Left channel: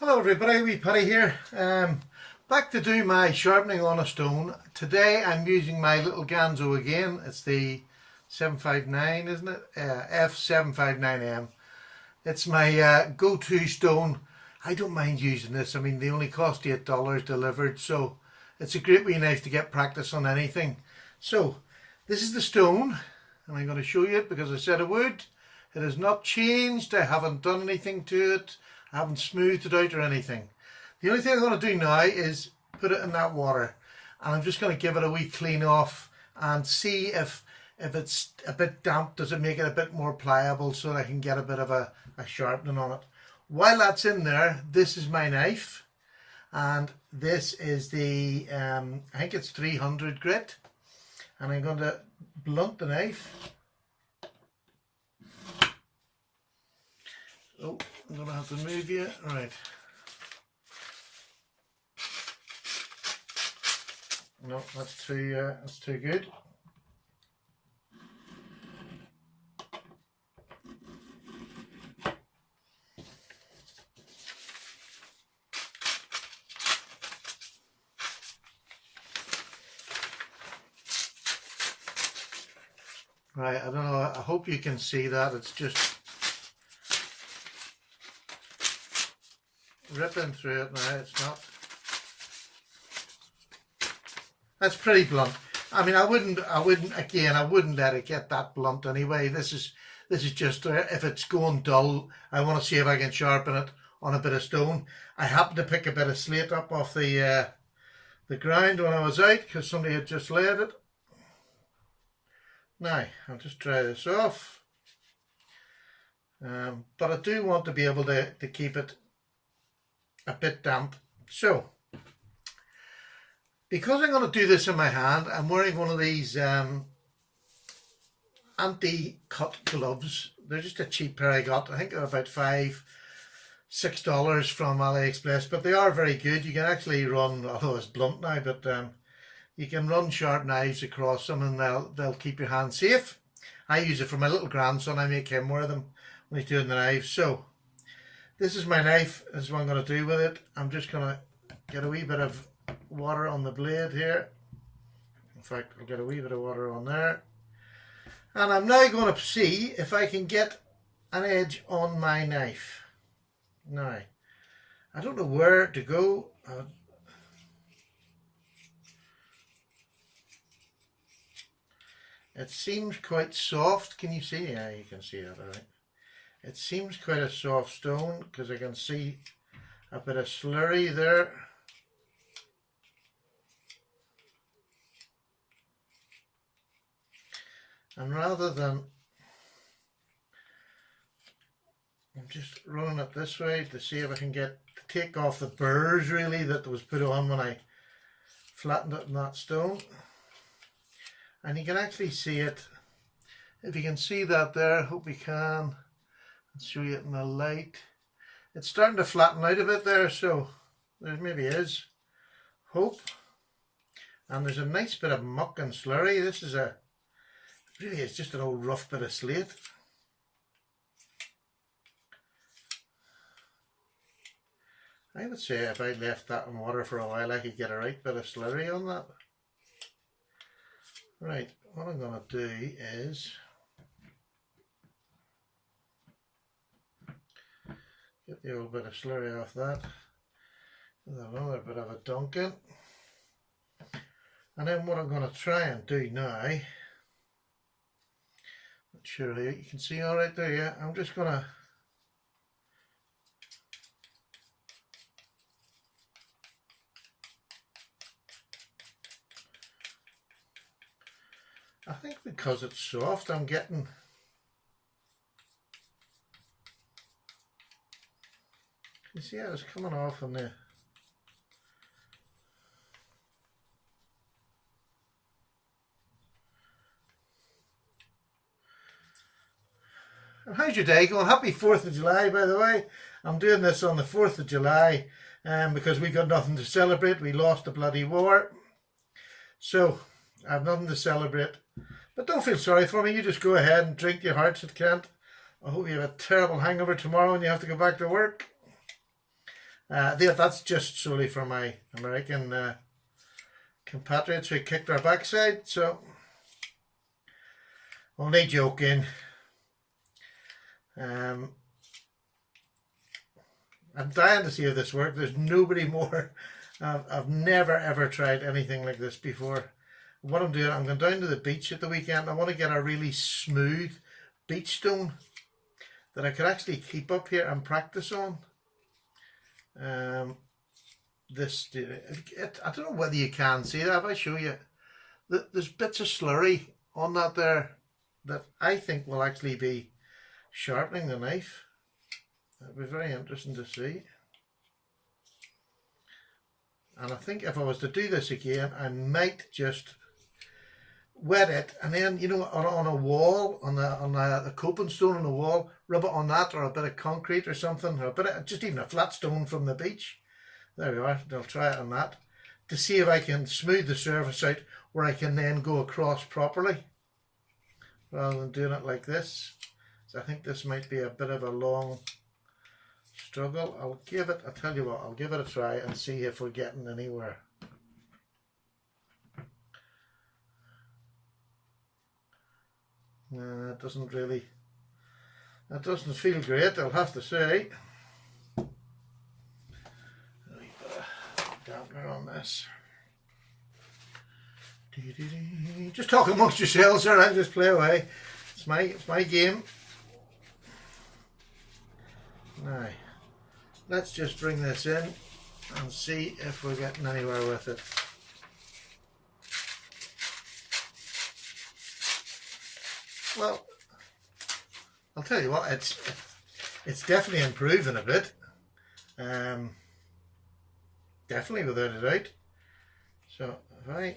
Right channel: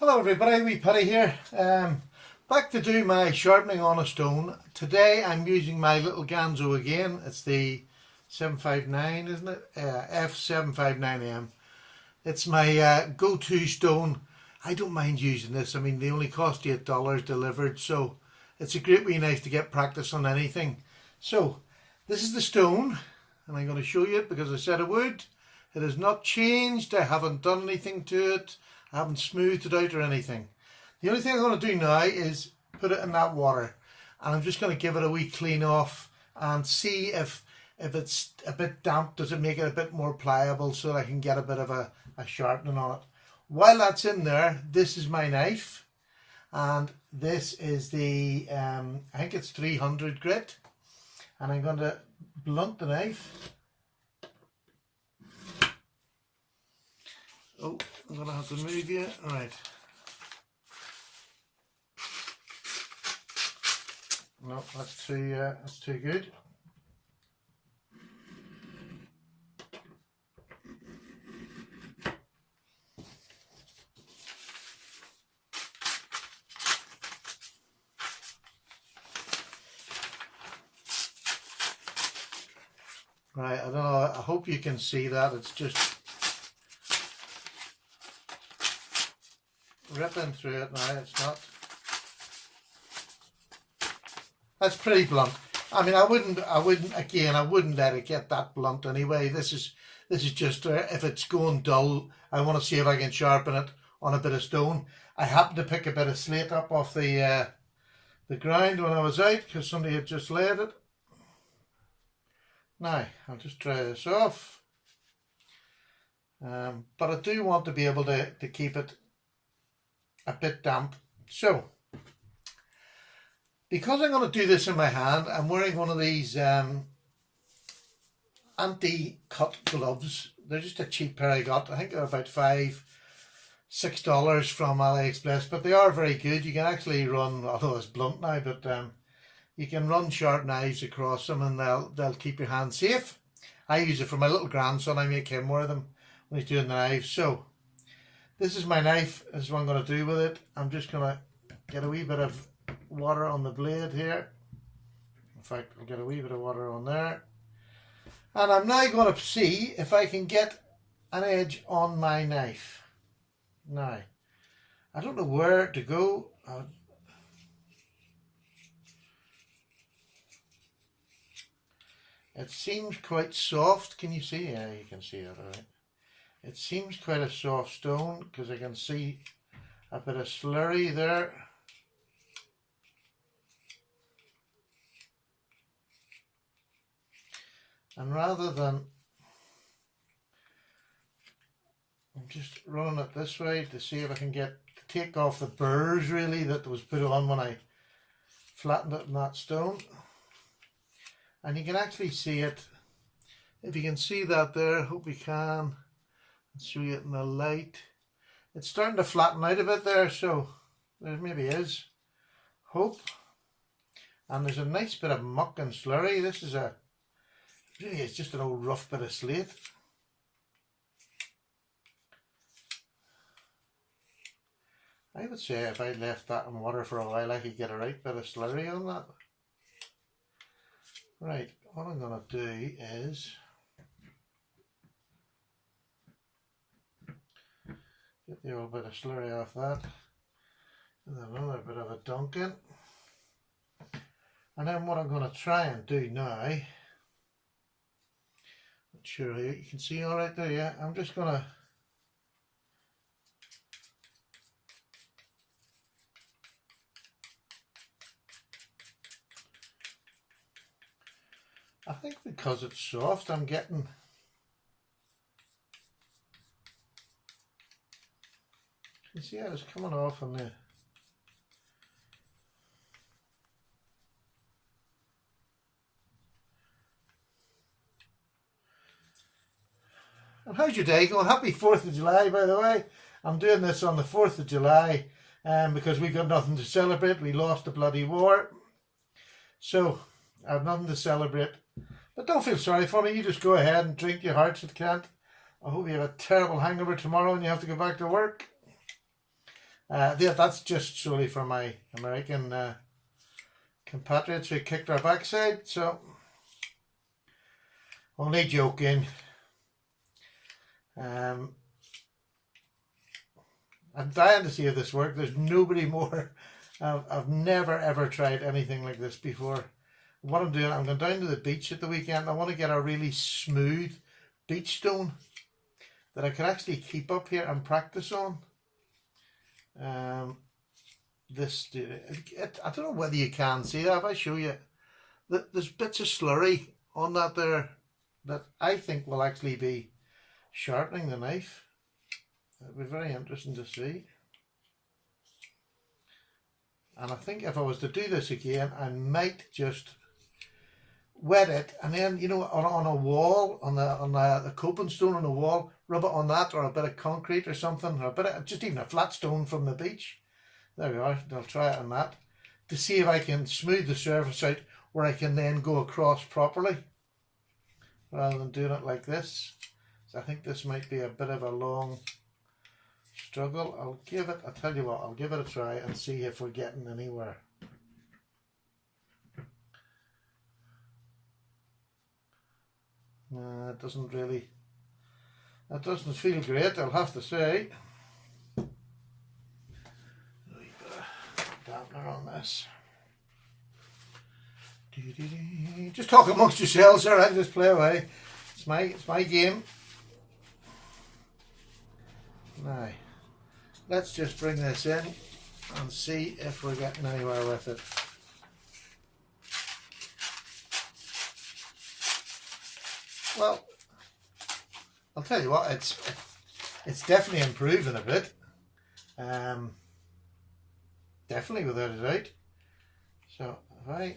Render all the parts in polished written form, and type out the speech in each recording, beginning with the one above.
Hello everybody, wee Paddy here. Back to do my sharpening on a stone. Today I'm using my little Ganzo again. It's the 759, isn't it? F759M. It's my go-to stone. I don't mind using this. I mean, they only cost $8 delivered, so it's a great wee knife to get practice on anything. So, this is the stone, and I'm going to show you it because I said I would. It has not changed. I haven't done anything to it. I haven't smoothed it out or anything. The only thing I'm going to do now is put it in that water, and I'm just going to give it a wee clean off and see if it's a bit damp, does it make it a bit more pliable so that I can get a bit of a sharpening on it. While that's in there, this is my knife, and this is the, I think it's 300 grit, and I'm going to blunt the knife. Oh, I'm going to have to move you. All right. No, that's too good. Right, I don't know, I hope you can see that. It's just ripping through it now. It's not. That's pretty blunt. I mean, I wouldn't let it get that blunt anyway. This is just if it's going dull, I want to see if I can sharpen it on a bit of stone. I happened to pick a bit of slate up off the ground when I was out because somebody had just laid it. Now, I'll just dry this off. But I do want to be able to keep it a bit damp. So, because I'm going to do this in my hand, I'm wearing one of these anti-cut gloves. They're just a cheap pair I got. I think they're about $5-6 from AliExpress, but they are very good. You can actually run, although it's blunt now, but you can run sharp knives across them and they'll keep your hand safe. I use it for my little grandson. I make him wear them when he's doing the knives. So this is my knife. This is what I'm going to do with it. I'm just going to get a wee bit of water on the blade here. In fact, I'll get a wee bit of water on there. And I'm now going to see if I can get an edge on my knife. Now, I don't know where to go. It seems quite soft. Can you see? Yeah, you can see that, all right. It seems quite a soft stone because I can see a bit of slurry there. And rather than, I'm just rolling it this way to see if I can take off the burrs really that was put on when I flattened it in that stone. And you can actually see it. If you can see that there, hope you can. Let's show you it in the light. It's starting to flatten out a bit there, so there maybe is hope. And there's a nice bit of muck and slurry. This is really it's just an old rough bit of slate. I would say if I left that in water for a while, I could get a right bit of slurry on that. Right, what I'm going to do is get the old bit of slurry off that, and another bit of a dunking. And then what I'm going to try and do now, not sure you can see all right there, yeah, I'm just going to I think because it's soft, I'm getting you see how it's coming off on there. And how's your day going? Happy 4th of July, by the way. I'm doing this on the 4th of July because we got nothing to celebrate. We lost the bloody war. So I have nothing to celebrate. But don't feel sorry for me. You just go ahead and drink your heart's content. I hope you have a terrible hangover tomorrow and you have to go back to work. That's just solely for my American compatriots who kicked our backside, so only joking. I'm dying to see if this works. There's nobody more. I've never ever tried anything like this before. What I'm doing, I'm going down to the beach at the weekend. I want to get a really smooth beach stone that I could actually keep up here and practice on. I don't know whether you can see that. If I show you, there's bits of slurry on that there that I think will actually be sharpening the knife. It'll be very interesting to see. And I think if I was to do this again, I might just wet it, and then, you know, on a wall, on the coping stone on the wall, rub it on that, or a bit of concrete or something, or a bit of, just even a flat stone from the beach. There we are. I'll try it on that to see if I can smooth the surface out where I can then go across properly rather than doing it like this. So I think this might be a bit of a long struggle. I'll tell you what, I'll give it a try and see if we're getting anywhere. It doesn't feel great, I'll have to say. A wee bit of dampener on this. Just talk amongst yourselves, sir. I'll just play away. It's my game. Now, let's just bring this in and see if we're getting anywhere with it. Well, I'll tell you what, it's definitely improving a bit. Definitely, without a doubt. So if I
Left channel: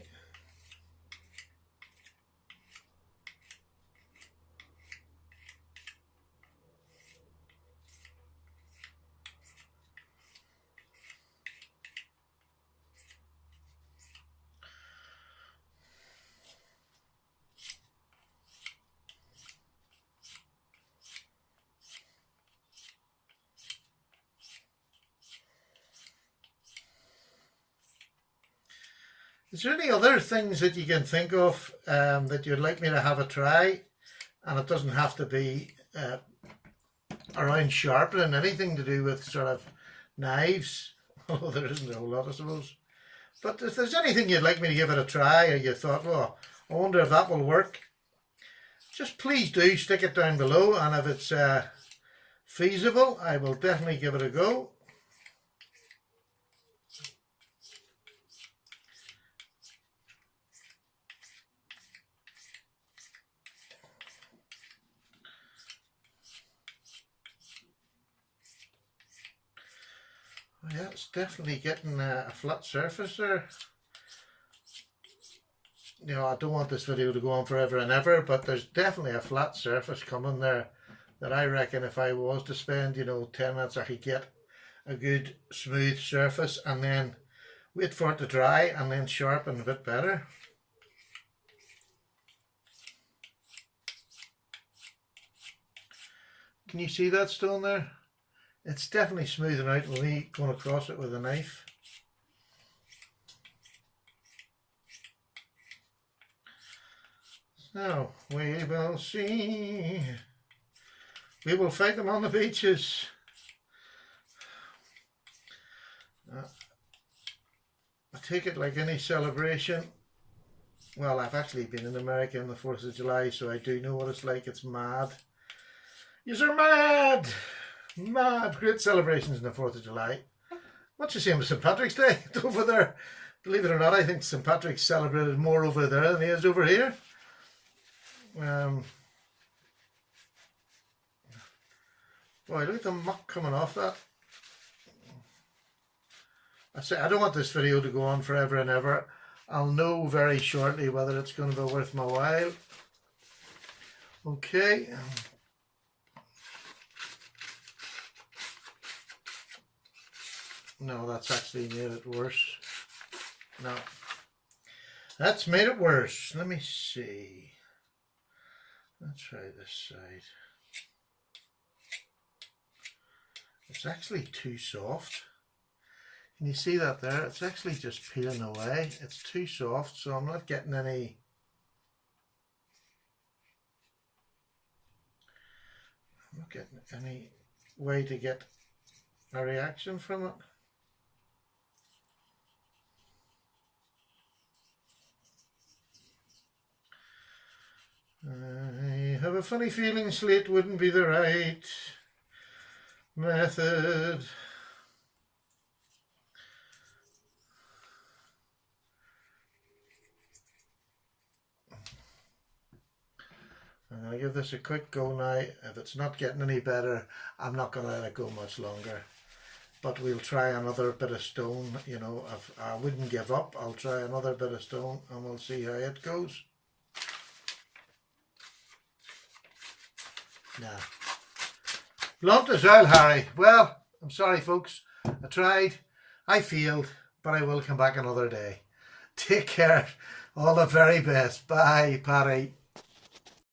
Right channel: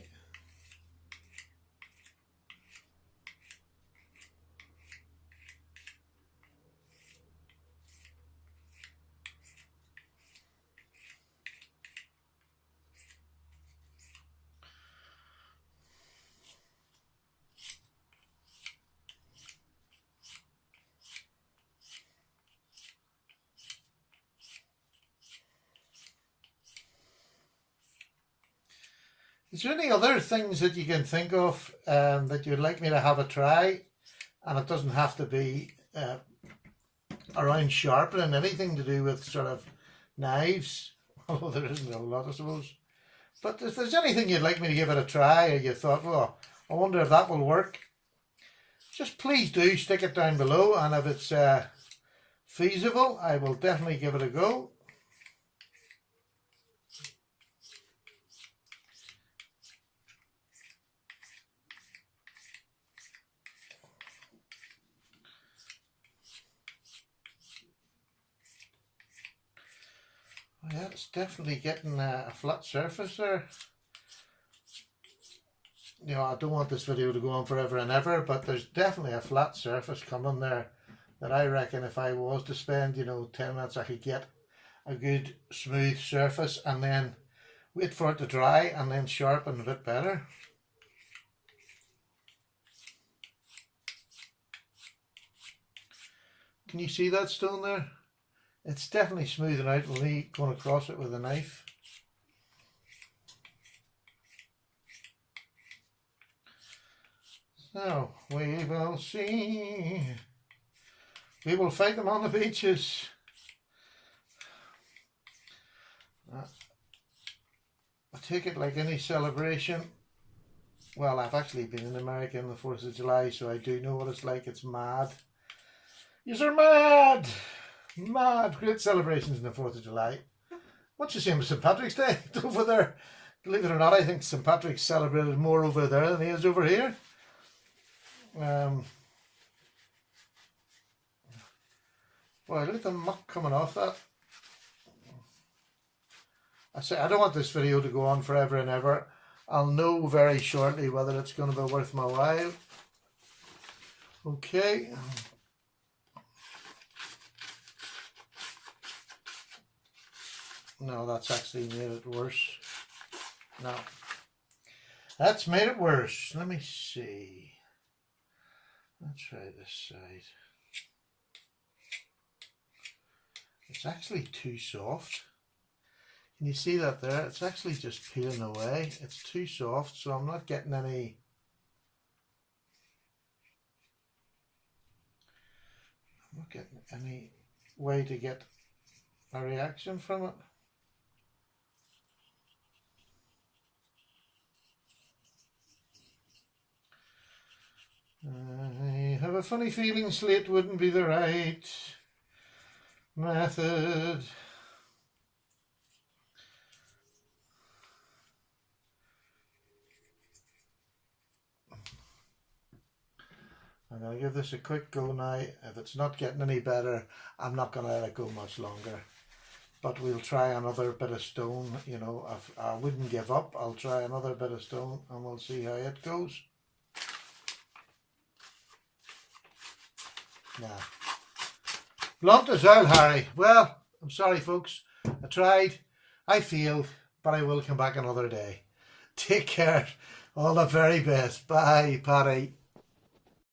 Is there any other things that you can think of that you'd like me to have a try? And it doesn't have to be around sharpening, anything to do with sort of knives, although there isn't a whole lot, I suppose. But if there's anything you'd like me to give it a try, or you thought, well, I wonder if that will work, just please do stick it down below, and if it's feasible, I will definitely give it a go. Yeah, it's definitely getting a flat surface there. You know, I don't want this video to go on forever and ever, but there's definitely a flat surface coming there that I reckon if I was to spend, 10 minutes, I could get a good smooth surface and then wait for it to dry and then sharpen a bit better. Can you see that stone there? It's definitely smoothing out with me going across it with a knife. So, we will see. We will fight them on the beaches. I take it like any celebration. Well, I've actually been in America on the 4th of July, so I do know what it's like. It's mad. You're mad! Mad. Great celebrations on the 4th of July. Much the same as St. Patrick's Day over there. Believe it or not, I think St. Patrick's celebrated more over there than he is over here. Boy, look at the muck coming off that. I say I don't want this video to go on forever and ever. I'll know very shortly whether it's going to be worth my while. Okay. No, that's actually made it worse. No. That's made it worse. Let me see. Let's try this side. It's actually too soft. Can you see that there? It's actually just peeling away. It's too soft, so I'm not getting any way to get a reaction from it. I have a funny feeling slate wouldn't be the right method. I'm going to give this a quick go now. If it's not getting any better, I'm not going to let it go much longer. But we'll try another bit of stone. You know, I wouldn't give up. I'll try another bit of stone and we'll see how it goes. Nah. Blunt as well, Harry. Well, I'm sorry, folks. I tried. I failed. But I will come back another day. Take care. All the very best. Bye, Paddy.